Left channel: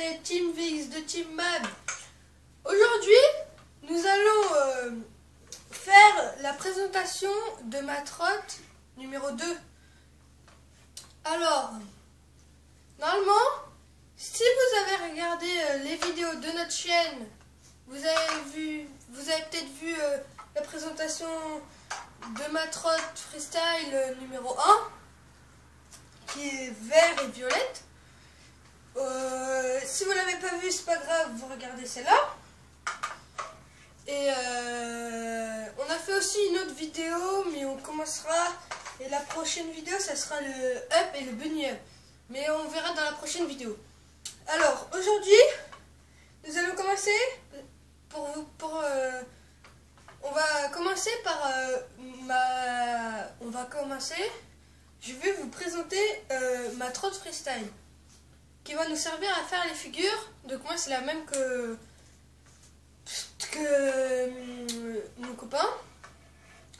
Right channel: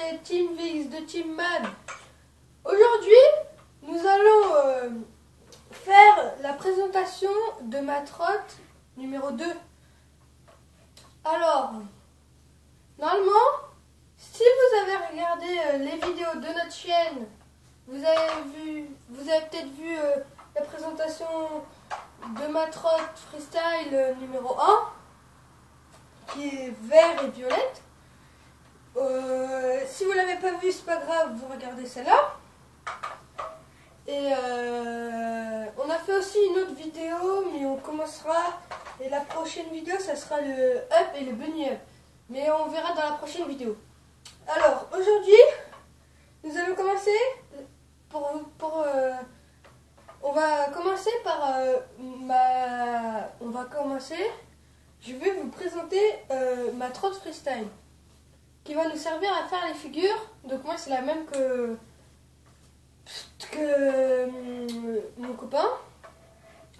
c'est Team VX de Team Mad. Aujourd'hui, nous allons faire la présentation de ma trotte numéro 2. Alors, normalement, si vous avez regardé les vidéos de notre chaîne, vous avez peut-être vu la présentation de ma trotte freestyle numéro 1, qui est vert et violette. Si vous l'avez pas vu, c'est pas grave, vous regardez celle-là. Et on a fait aussi une autre vidéo, mais on commencera, et la prochaine vidéo, ça sera le up et le bunny up. Mais on verra dans la prochaine vidéo. Alors, aujourd'hui, nous allons commencer on va commencer par je vais vous présenter ma trotte freestyle qui va nous servir à faire les figures. Donc moi c'est la même que mon copain,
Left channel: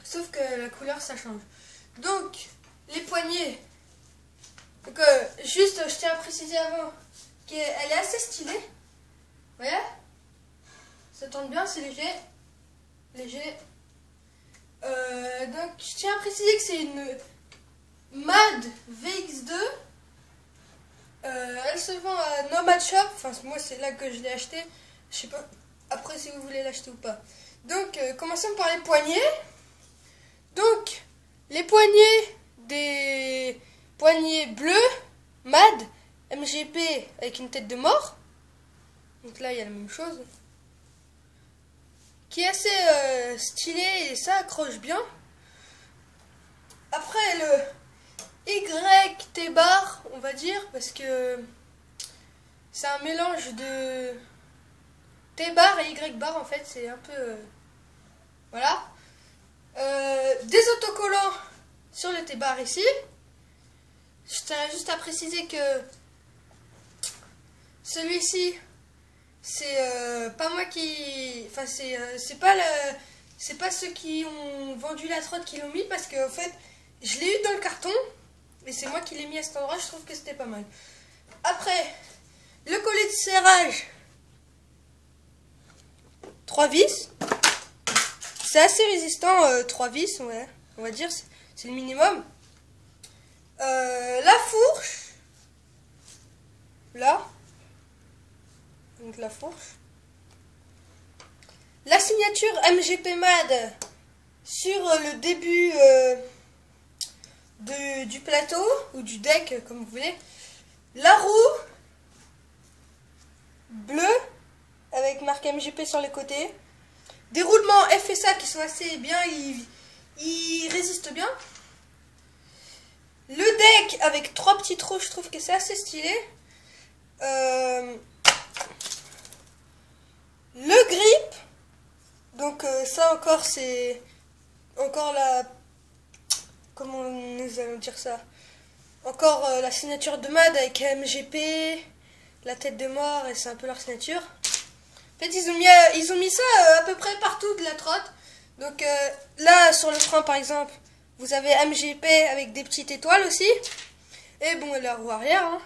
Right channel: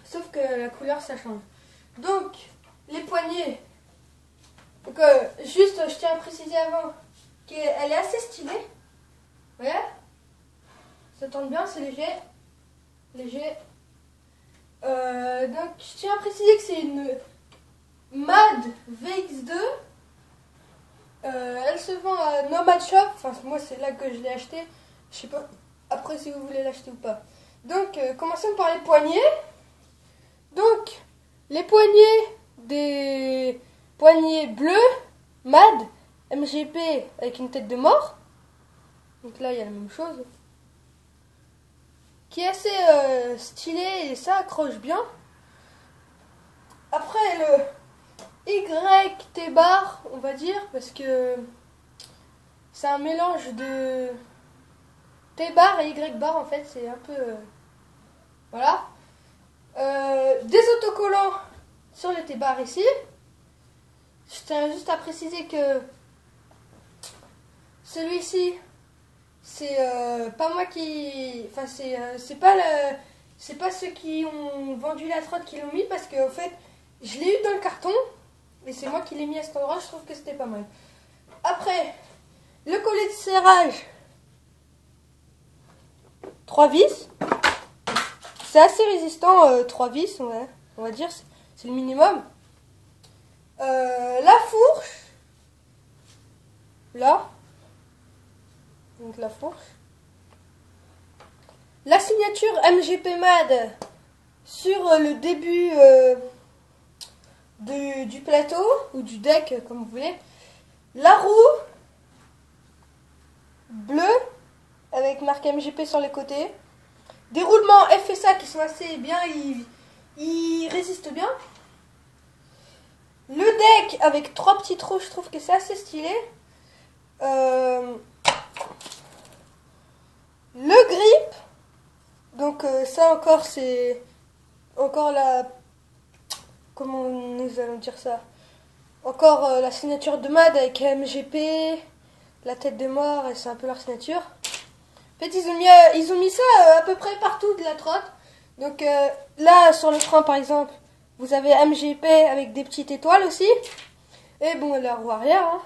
sauf que la couleur ça change. Donc les poignées, donc, juste je tiens à préciser avant qu'elle est assez stylée. Vous voyez, ça tourne bien, c'est léger. Donc je tiens à préciser que c'est une Mad VX2. Elle se vend à Nomad Shop. Enfin moi c'est là que je l'ai acheté. Je sais pas après si vous voulez l'acheter ou pas. Donc commençons par les poignées. Donc les poignées, des poignées bleues Mad MGP avec une tête de mort. Donc là il y a la même chose, qui est assez stylé et ça accroche bien. Après le YT bar, on va dire, parce que c'est un mélange de T bar et Y bar en fait, c'est un peu voilà. Des autocollants sur le T bar ici. Je tiens juste à préciser que celui-ci, c'est pas moi qui, enfin c'est pas ceux qui ont vendu la trotte qui l'ont mis, parce que en fait je l'ai eu dans le carton et c'est moi qui l'ai mis à cet endroit. Je trouve que c'était pas mal. Après le collet de serrage 3 vis, c'est assez résistant. 3 vis, ouais, on va dire c'est le minimum. La fourche là, donc la fourche, la signature MGP Mad sur le début du plateau ou du deck comme vous voulez, la roue bleue avec marque MGP sur les côtés, des roulements FSA qui sont assez bien, ils résistent bien, le deck avec 3 petits trous, je trouve que c'est assez stylé. Le grip, donc ça encore c'est encore la, comment nous allons dire ça, encore la signature de Mad avec MGP, la tête de mort, et c'est un peu leur signature. En fait ils ont mis ça à peu près partout de la trotte. Donc là sur le frein par exemple, vous avez MGP avec des petites étoiles aussi. Et bon, la roue arrière, hein.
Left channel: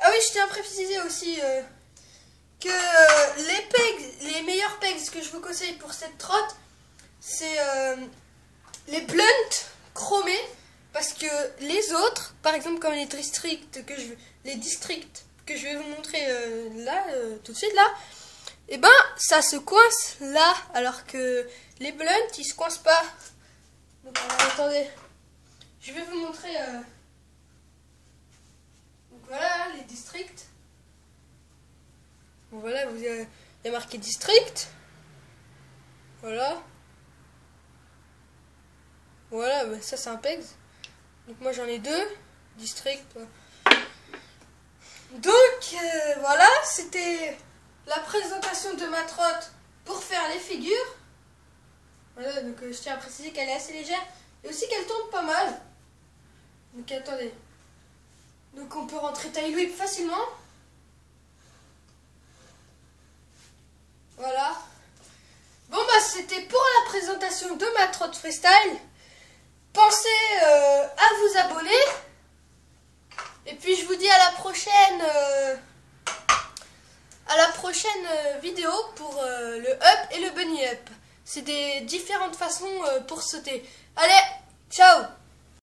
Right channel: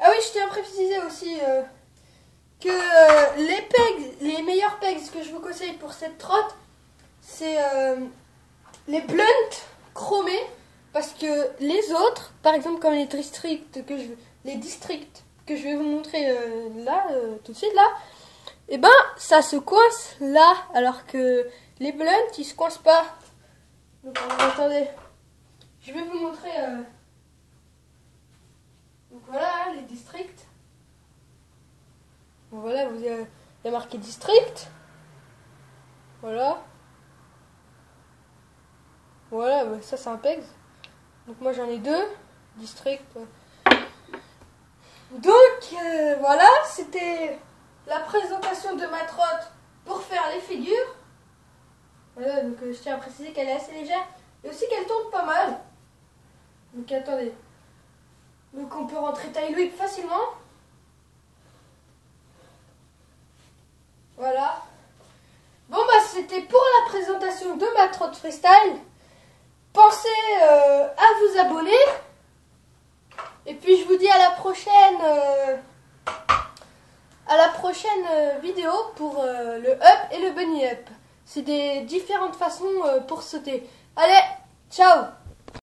Ah oui, je tiens à préciser aussi que les meilleurs pegs que je vous conseille pour cette trotte, c'est les blunt chromés, parce que les autres, par exemple comme les districts que je vais vous montrer là, tout de suite là, et ben ça se coince là, alors que les blunt ils se coincent pas. Donc attendez, je vais vous montrer. Donc voilà les districts. Bon, voilà, il y a marqué district. Voilà. Voilà, bah, ça c'est un pegs. Donc moi j'en ai 2. District. Donc voilà, c'était la présentation de ma trotte pour faire les figures. Voilà, donc je tiens à préciser qu'elle est assez légère et aussi qu'elle tourne pas mal. Donc attendez. Donc on peut rentrer taille whip facilement. Voilà. Bon bah c'était pour la présentation de ma trotte freestyle. Pensez à vous abonner. Et puis je vous dis à la prochaine prochaine vidéo pour le up et le bunny up. C'est des différentes façons pour sauter. Allez, ciao!